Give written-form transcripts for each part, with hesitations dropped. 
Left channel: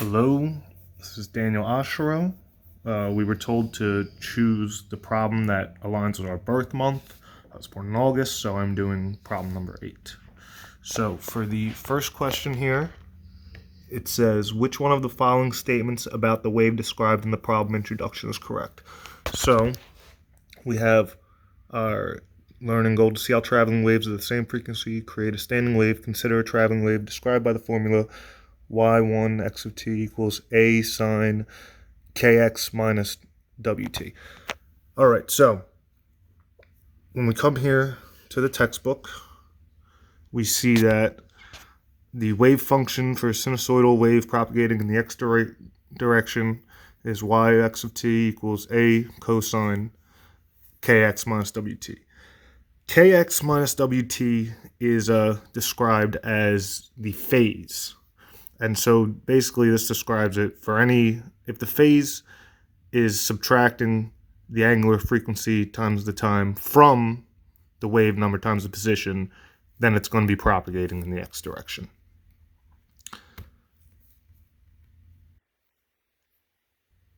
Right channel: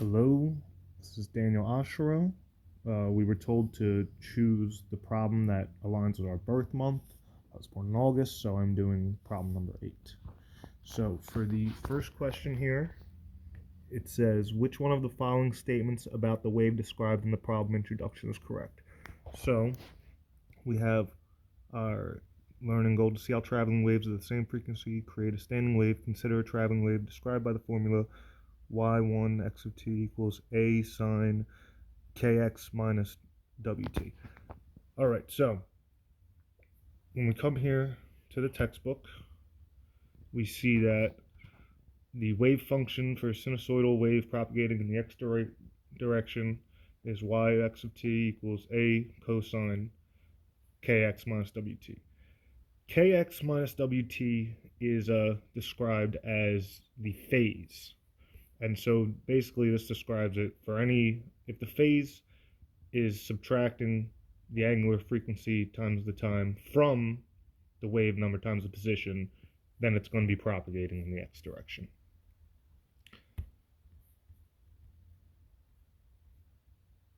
Hello, this is Daniel Oshiro. We were told to choose the problem that aligns with our birth month. I was born in August, so I'm doing problem number 8. So for the first question here, it says, which one of the following statements about the wave described in the problem introduction is correct? So we have our learning goal to see how traveling waves of the same frequency create a standing wave. Consider a traveling wave described by the formula y1 x of t equals a sine kx minus wt. All right, so when we come here to the textbook, we see that the wave function for a sinusoidal wave propagating in the x direction is yx of t equals a cosine kx minus wt. Kx minus wt is described as the phase. And so basically this describes it for if the phase is subtracting the angular frequency times the time from the wave number times the position, then it's going to be propagating in the x direction.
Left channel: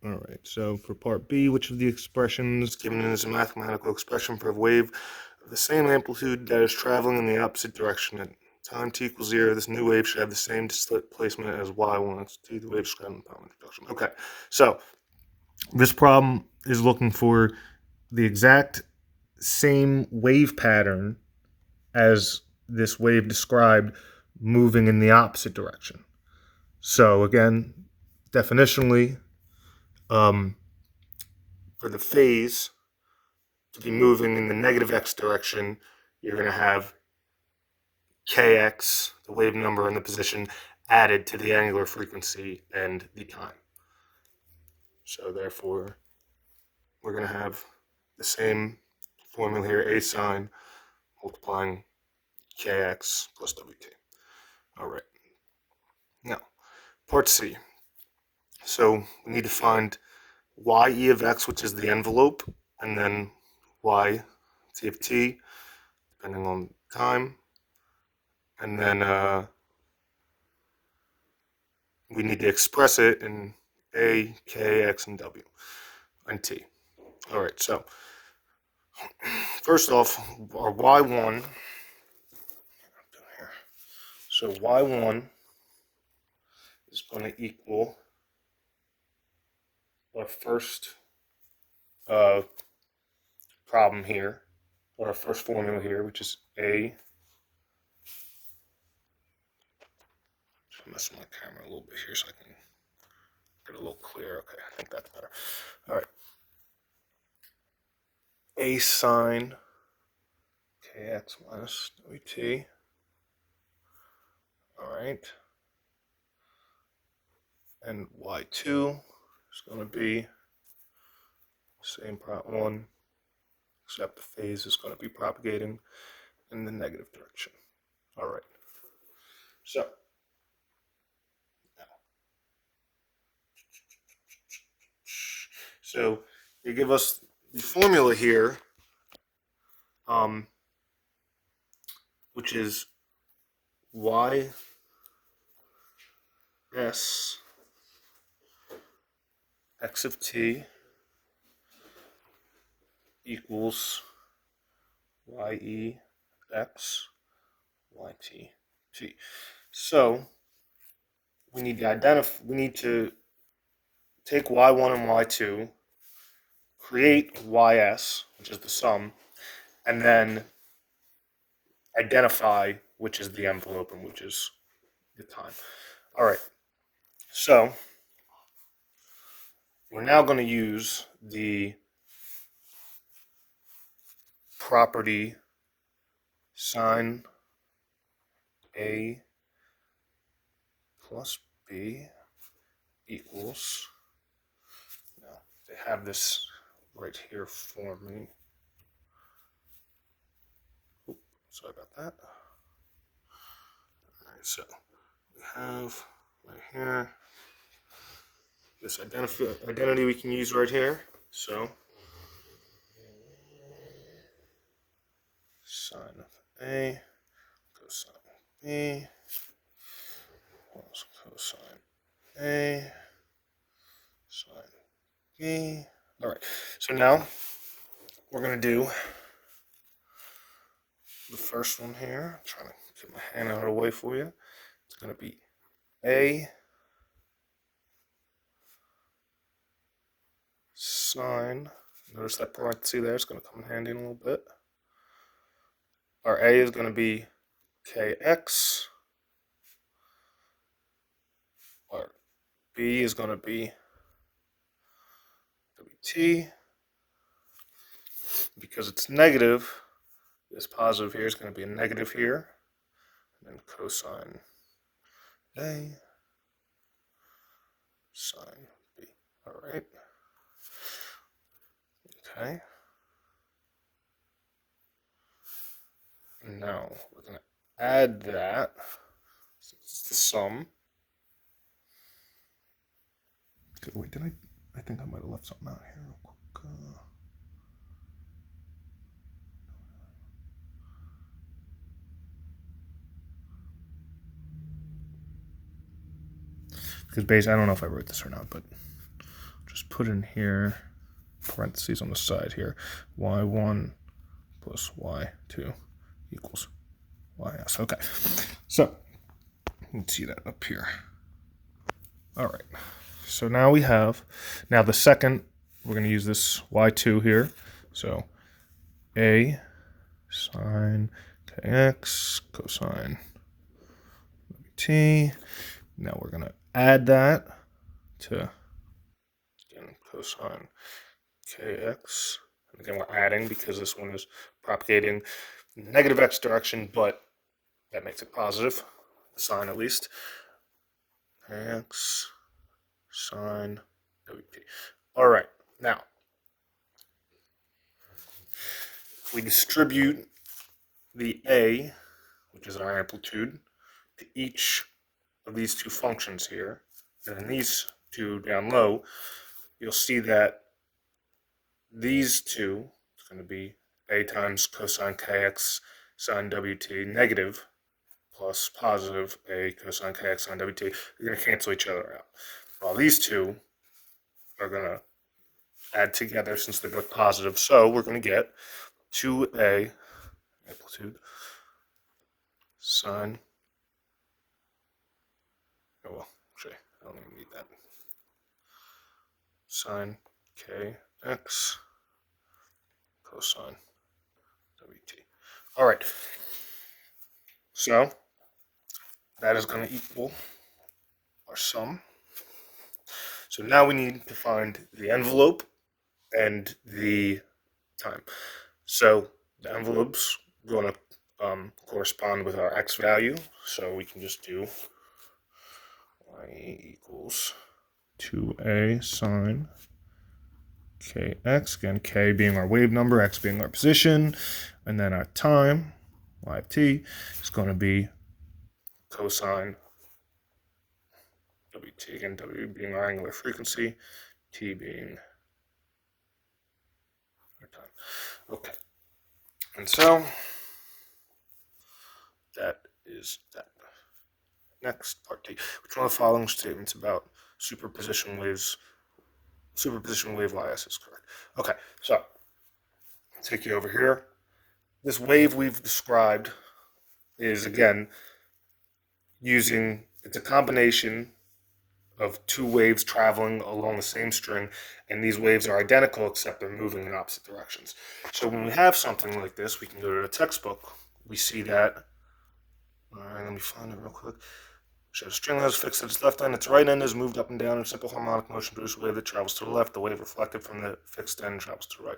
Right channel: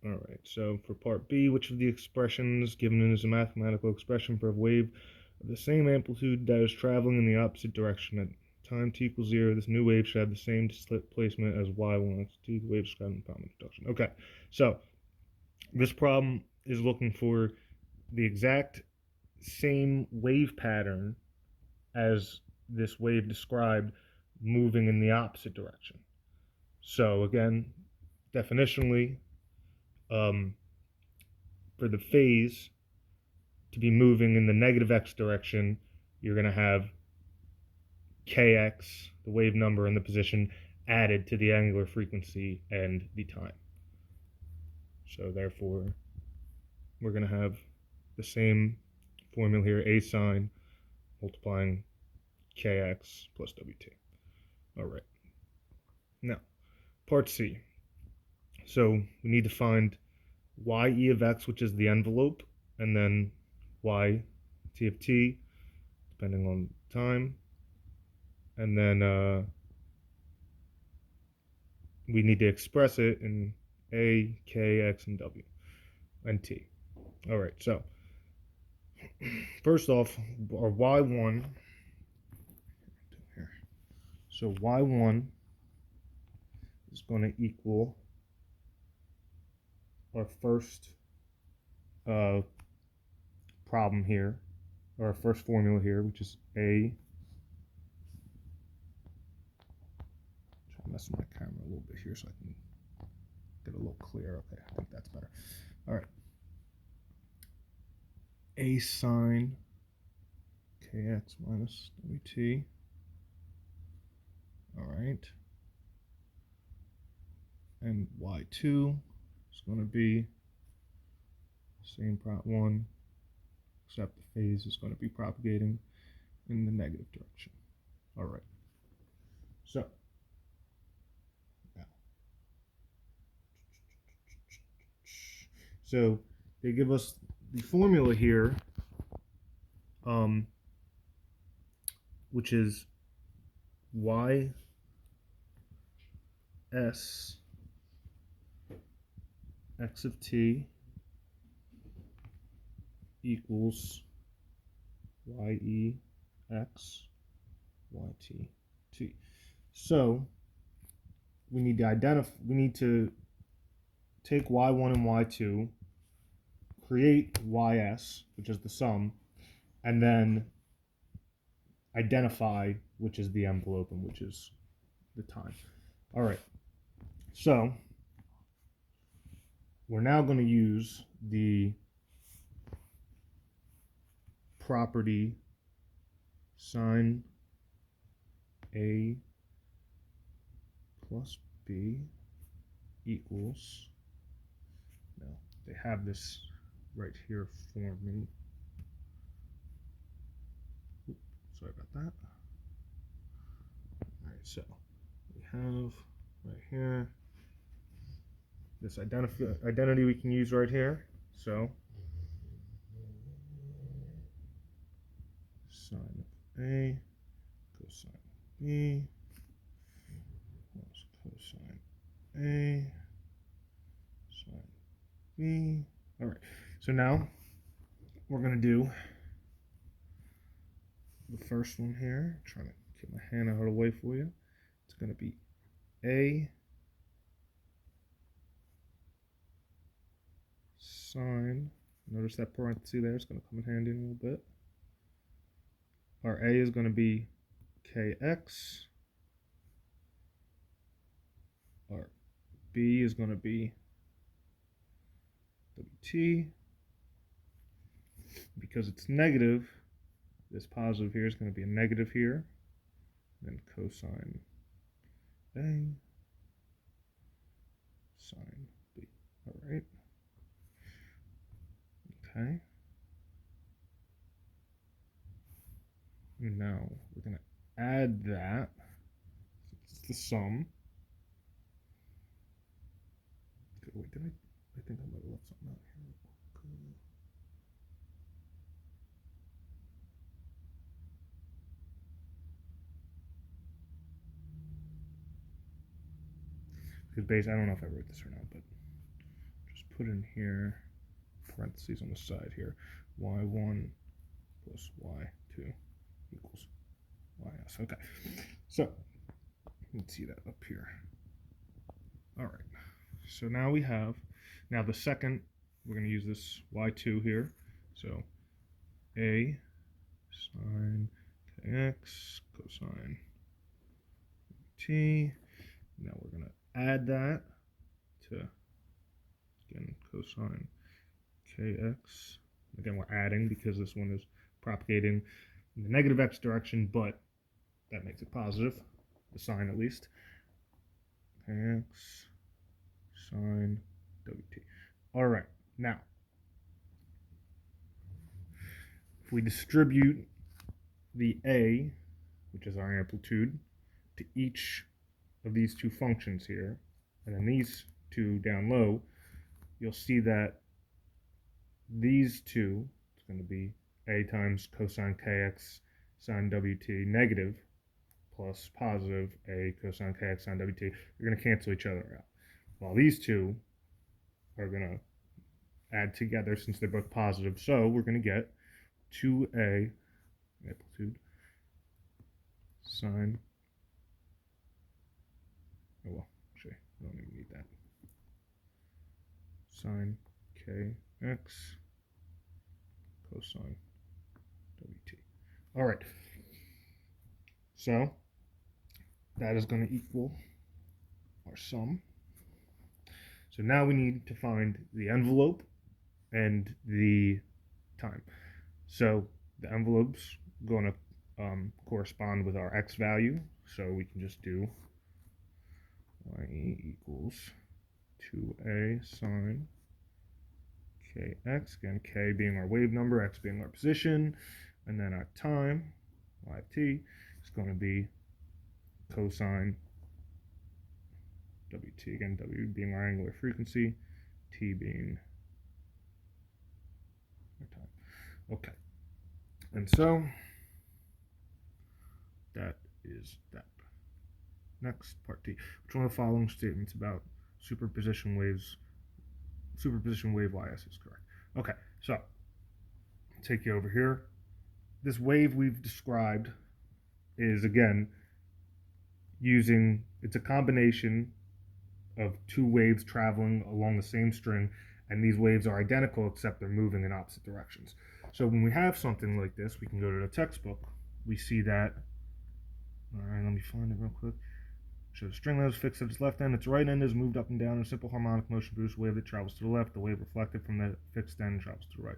All right, so for part B, which of the expressions given is a mathematical expression for a wave of the same amplitude that is traveling in the opposite direction at time t equals 0, this new wave should have the same displacement as y1 x t, the wave described in the problem introduction. Okay, so this problem is looking for the exact same wave pattern as this wave described moving in the opposite direction. So again, definitionally, for the phase to be moving in the negative x direction, you're going to have kx, the wave number and the position, added to the angular frequency and the time. So therefore, we're going to have the same formula here, a sine multiplying kx plus wt. All right. Now, part C. So we need to find y of x, which is the envelope, and then y of t, depending on time. And then we need to express it in a, k, x, and w, and t. All right, so first off, our y1, so y1 is going to equal our first problem here, or our first formula here, which is a. I'm messing my camera a little bit here so I can get a little clearer. Okay, I think that's better. All right. A sine kx minus wt. All right. And y2 is going to be same problem 1, except the phase is going to be propagating in the negative direction. All right. So they give us the formula here, which is y s x of t equals ye x yt t. So we need to take y1 and y2, create ys, which is the sum, and then identify which is the envelope and which is the time. All right. So we're now going to use the property sine a plus b equals, now they have this right here for me. Oops, sorry about that. All right, so we have right here this identity we can use right here. So sine of a cosine of b plus cosine A sine B. All right, so now we're going to do the first one here. I'm trying to get my hand out of the way for you. It's going to be A sine. Notice that parenthesis there. It's going to come in handy in a little bit. Our A is going to be kx. Our B is going to be wt. Because it's negative, this positive here is going to be a negative here. And then cosine A sine B. All right. Okay. Now we're going to add that. It's the sum. Okay, wait, I think I might have left something out here real quick. Because basically, I don't know if I wrote this or not, but just put in here, parentheses on the side here, y1 plus y2 equals ys. Okay, so let's see that up here. All right, so now we have, the second, we're going to use this y2 here. So a sine kx cosine t. Now we're going to add that to, again, cosine kx. And again, we're adding because this one is propagating in the negative x direction, but that makes it positive, the sign at least. Kx sine wt. All right, now, if we distribute the a, which is our amplitude, to each of these two functions here, and then these two down low, you'll see that these two, it's going to be a times cosine kx sine wt negative plus positive a cosine kx sine wt, they're going to cancel each other out. While these two are going to add together since they're both positive, so we're going to get 2a amplitude sine, oh well, actually, I don't even need that, sine kx cosine wt. All right, so that is going to equal our sum. So now we need to find the envelope and the time. So the envelope's going to correspond with our x value, so we can just do y equals 2a sine kx, again, k being our wave number, x being our position, and then our time, y of t, is going to be cosine wt, again, w being our angular frequency, t being our time. Okay, and so that is that. Next, part T. Which one of the following statements about superposition wave ys is correct? Okay, so I'll take you over here. This wave we've described is, again, it's a combination of two waves traveling along the same string, and these waves are identical except they're moving in opposite directions. So when we have something like this, we can go to the textbook. We see that, all right, let me find it real quick. So the string is fixed at its left end, its right end is moved up and down in simple harmonic motion, produces a wave that travels to the left. The wave reflected from the fixed end travels to the right.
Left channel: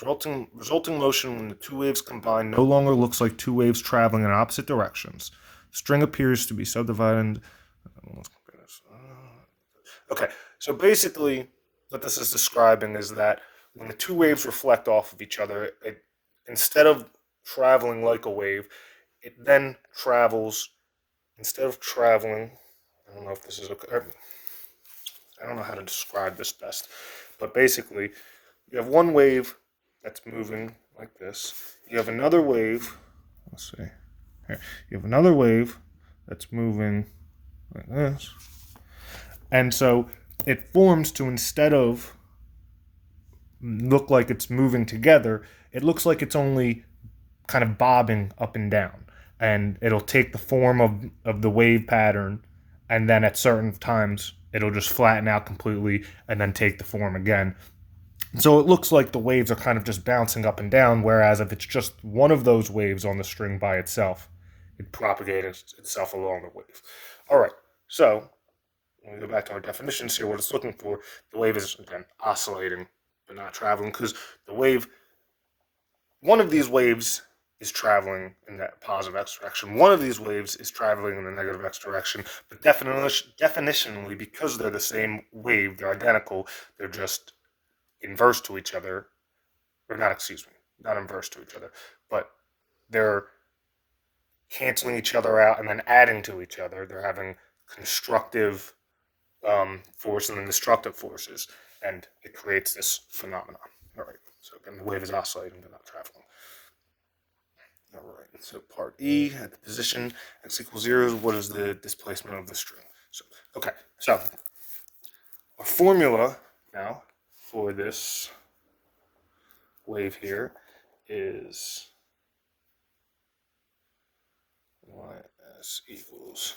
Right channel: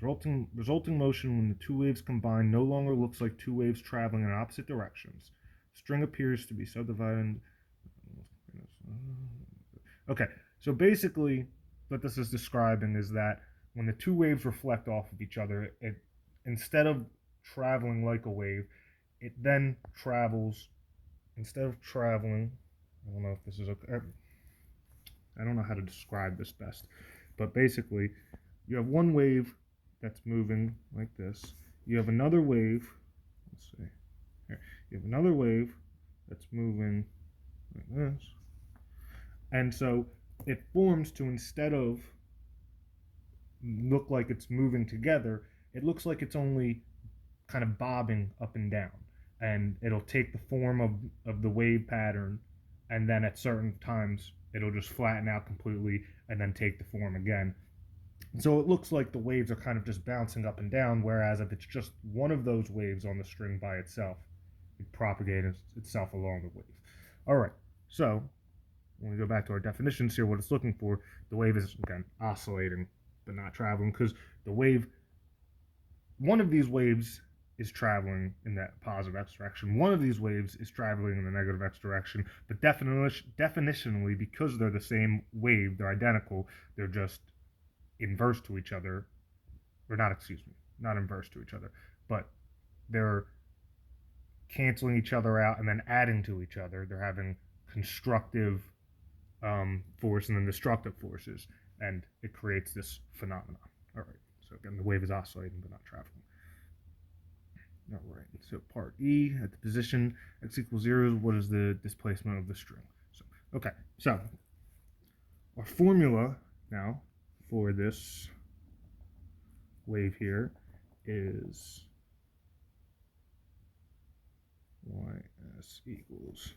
The resulting motion when the two waves combine no longer looks like two waves traveling in opposite directions. The string appears to be subdivided. Okay, so basically what this is describing is that when the two waves reflect off of each other, instead of traveling like a wave, it then travels. Instead of traveling, I don't know if this is okay. I don't know how to describe this best, but basically, you have one wave that's moving like this. You have another wave. Let's see. Here, you have another wave that's moving like this, And so it forms to, instead of look like it's moving together, it looks like it's only kind of bobbing up and down. And it'll take the form of the wave pattern, and then at certain times it'll just flatten out completely and then take the form again. So it looks like the waves are kind of just bouncing up and down, whereas if it's just one of those waves on the string by itself, it propagates itself along the wave. All right, so when we go back to our definitions here, what it's looking for, the wave is, again, oscillating but not traveling, because the wave, one of these waves is traveling in that positive x direction. One of these waves is traveling in the negative x direction. But definitionally, because they're the same wave, they're identical, they're just inverse to each other, or not, excuse me, not inverse to each other, but they're canceling each other out and then adding to each other. They're having constructive force and then destructive forces, and it creates this phenomenon. All right, so again, the wave is oscillating but not traveling. All right, so part E, at the position x equals 0, what is the displacement of the string? So, okay, so our formula now for this wave here is ys equals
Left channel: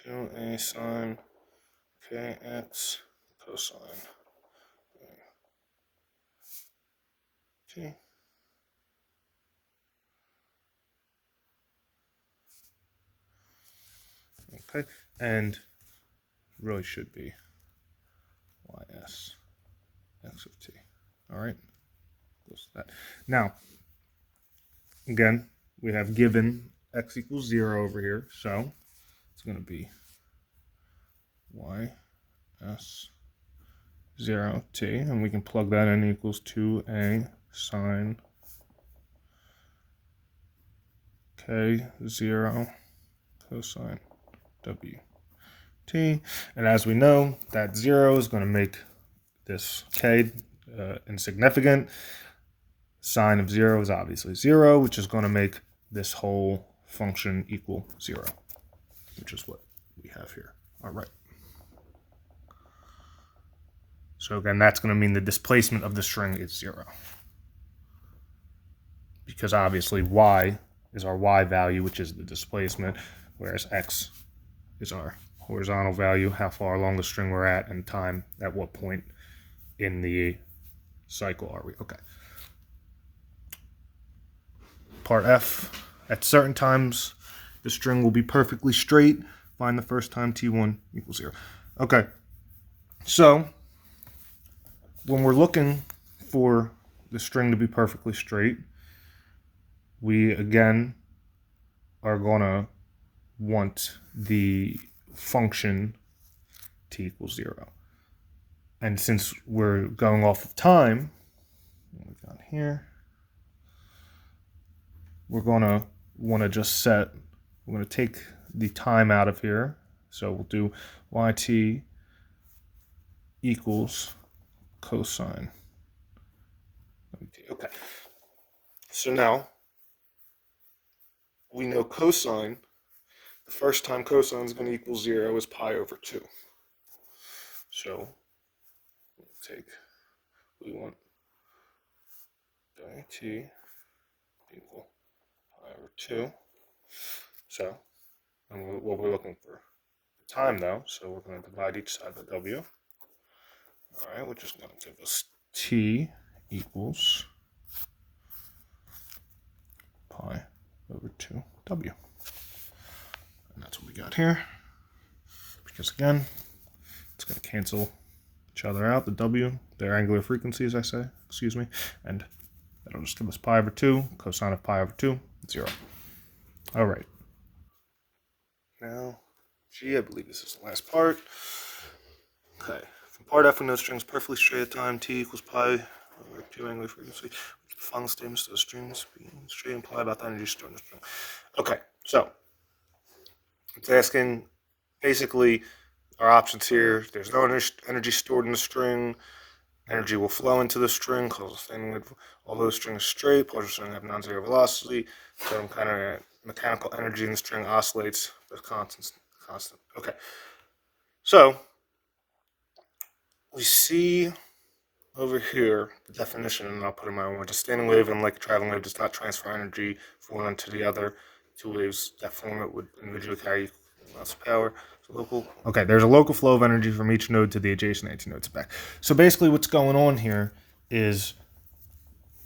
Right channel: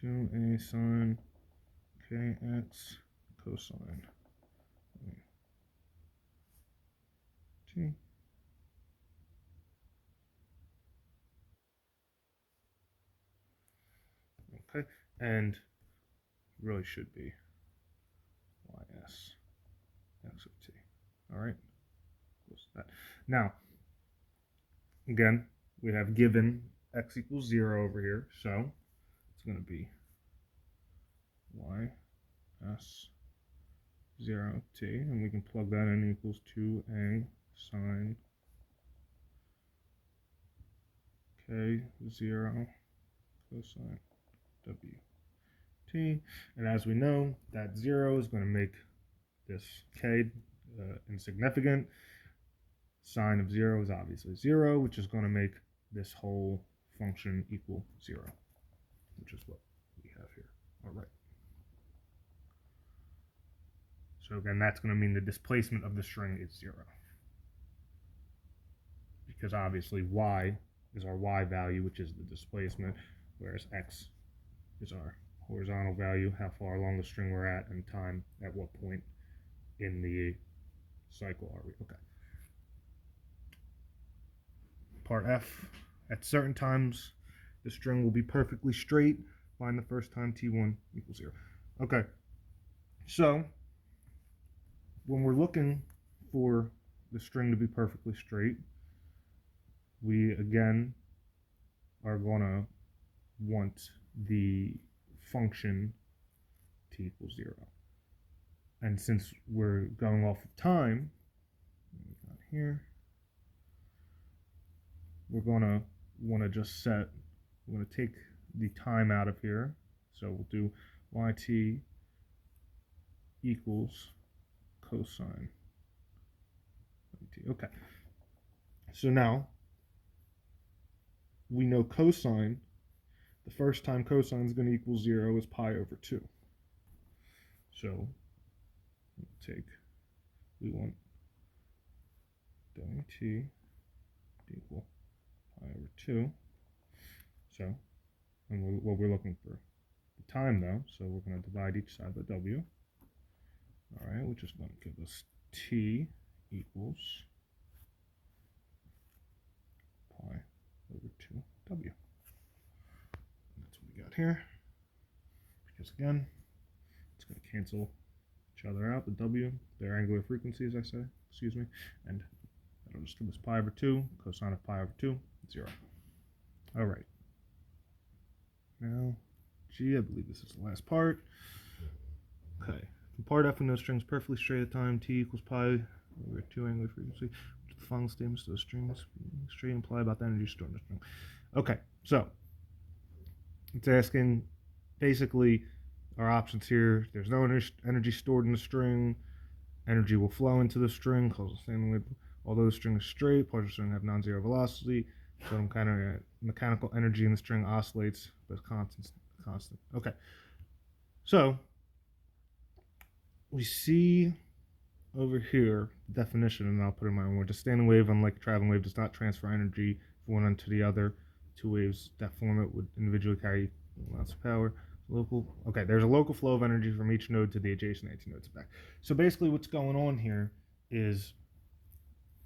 2a sine kx cosine t. Okay, and really should be ys x of t. All right, close to that. Now, again, we have given x equals 0 over here, so it's going to be ys 0 t, and we can plug that in, equals 2a sine k 0 cosine w t. And as we know, that 0 is going to make this k insignificant. Sine of 0 is obviously 0, which is going to make this whole function equal 0, which is what we have here. All right. So again, that's going to mean the displacement of the string is 0. Because obviously y is our y value, which is the displacement, whereas x is our horizontal value, how far along the string we're at, and time, at what point in the cycle are we. Okay. Part F, at certain times, the string will be perfectly straight. Find the first time t1 equals 0. Okay, so when we're looking for the string to be perfectly straight, we again are going to want the function t equals 0. And since we're going off of time, what we got here, we're going to want to just set, we're going to take the time out of here. So we'll do yt equals cosine. Okay. So now we know cosine, the first time cosine is going to equal 0 is pi over 2. So we want yt equal pi over 2. So, and what we're looking for the time though, so we're going to divide each side by w. All right, which is going to give us t equals pi over 2w. And that's what we got here. Because again, it's going to cancel each other out, the w, their angular frequencies, I say, excuse me, and that'll just give us pi over 2, cosine of pi over 2, 0. All right. Now, G, I believe this is the last part. Okay. From part F, we know strings perfectly straight at time, t equals pi over 2 angular frequency. The following statements to the strings being straight imply about the energy stored in the string. Okay, so it's asking basically our options here. There's no energy stored in the string. Energy will flow into the string, although the string is straight, partial string have non-zero velocity. Some kind of mechanical energy in the string oscillates, but constant. Okay, so we see over here the definition, and I'll put it in my own words. A standing wave, unlike a traveling wave, does not transfer energy from one onto the other. Two waves that form it would individually carry equal amounts of power. Okay, there's a local flow of energy from each node to the adjacent anti-nodes back. So basically what's going on here is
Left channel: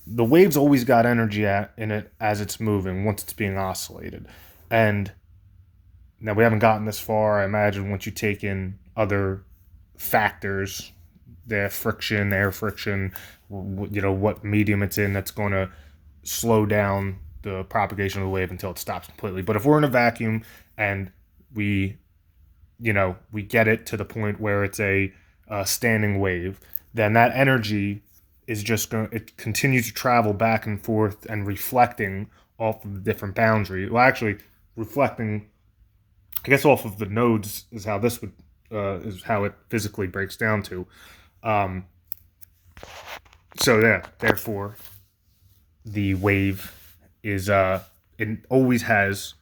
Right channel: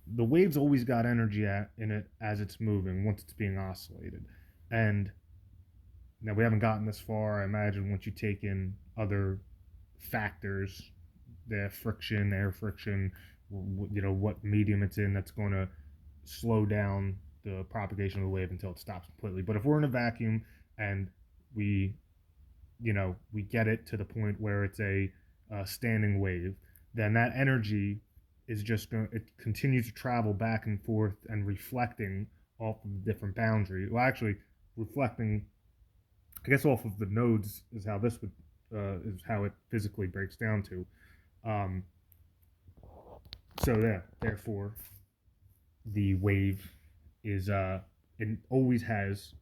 the wave's always got energy in it as it's moving once it's being oscillated. And now we haven't gotten this far. I imagine once you take in other factors, the friction, air friction, what medium it's in, that's going to slow down the propagation of the wave until it stops completely. But if we're in a vacuum and we get it to the point where it's a standing wave, then that energy is just going it continues to travel back and forth and reflecting off of the different boundary. Well, actually, reflecting, I guess, off of the nodes is how this would is how it physically breaks down to. So yeah, therefore, the wave is it always has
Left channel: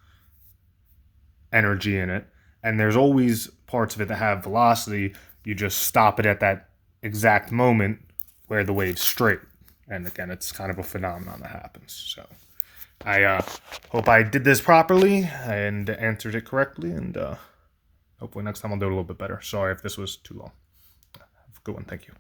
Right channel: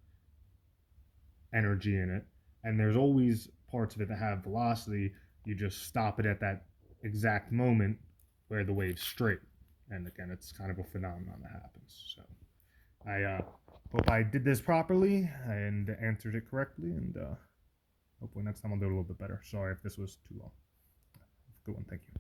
energy in it, and there's always parts of it that have velocity. You just stop it at that exact moment where the wave's straight. And again, it's kind of a phenomenon that happens. So I hope I did this properly and answered it correctly, and hopefully next time I'll do it a little bit better. Sorry if this was too long. Have a good one. Thank you.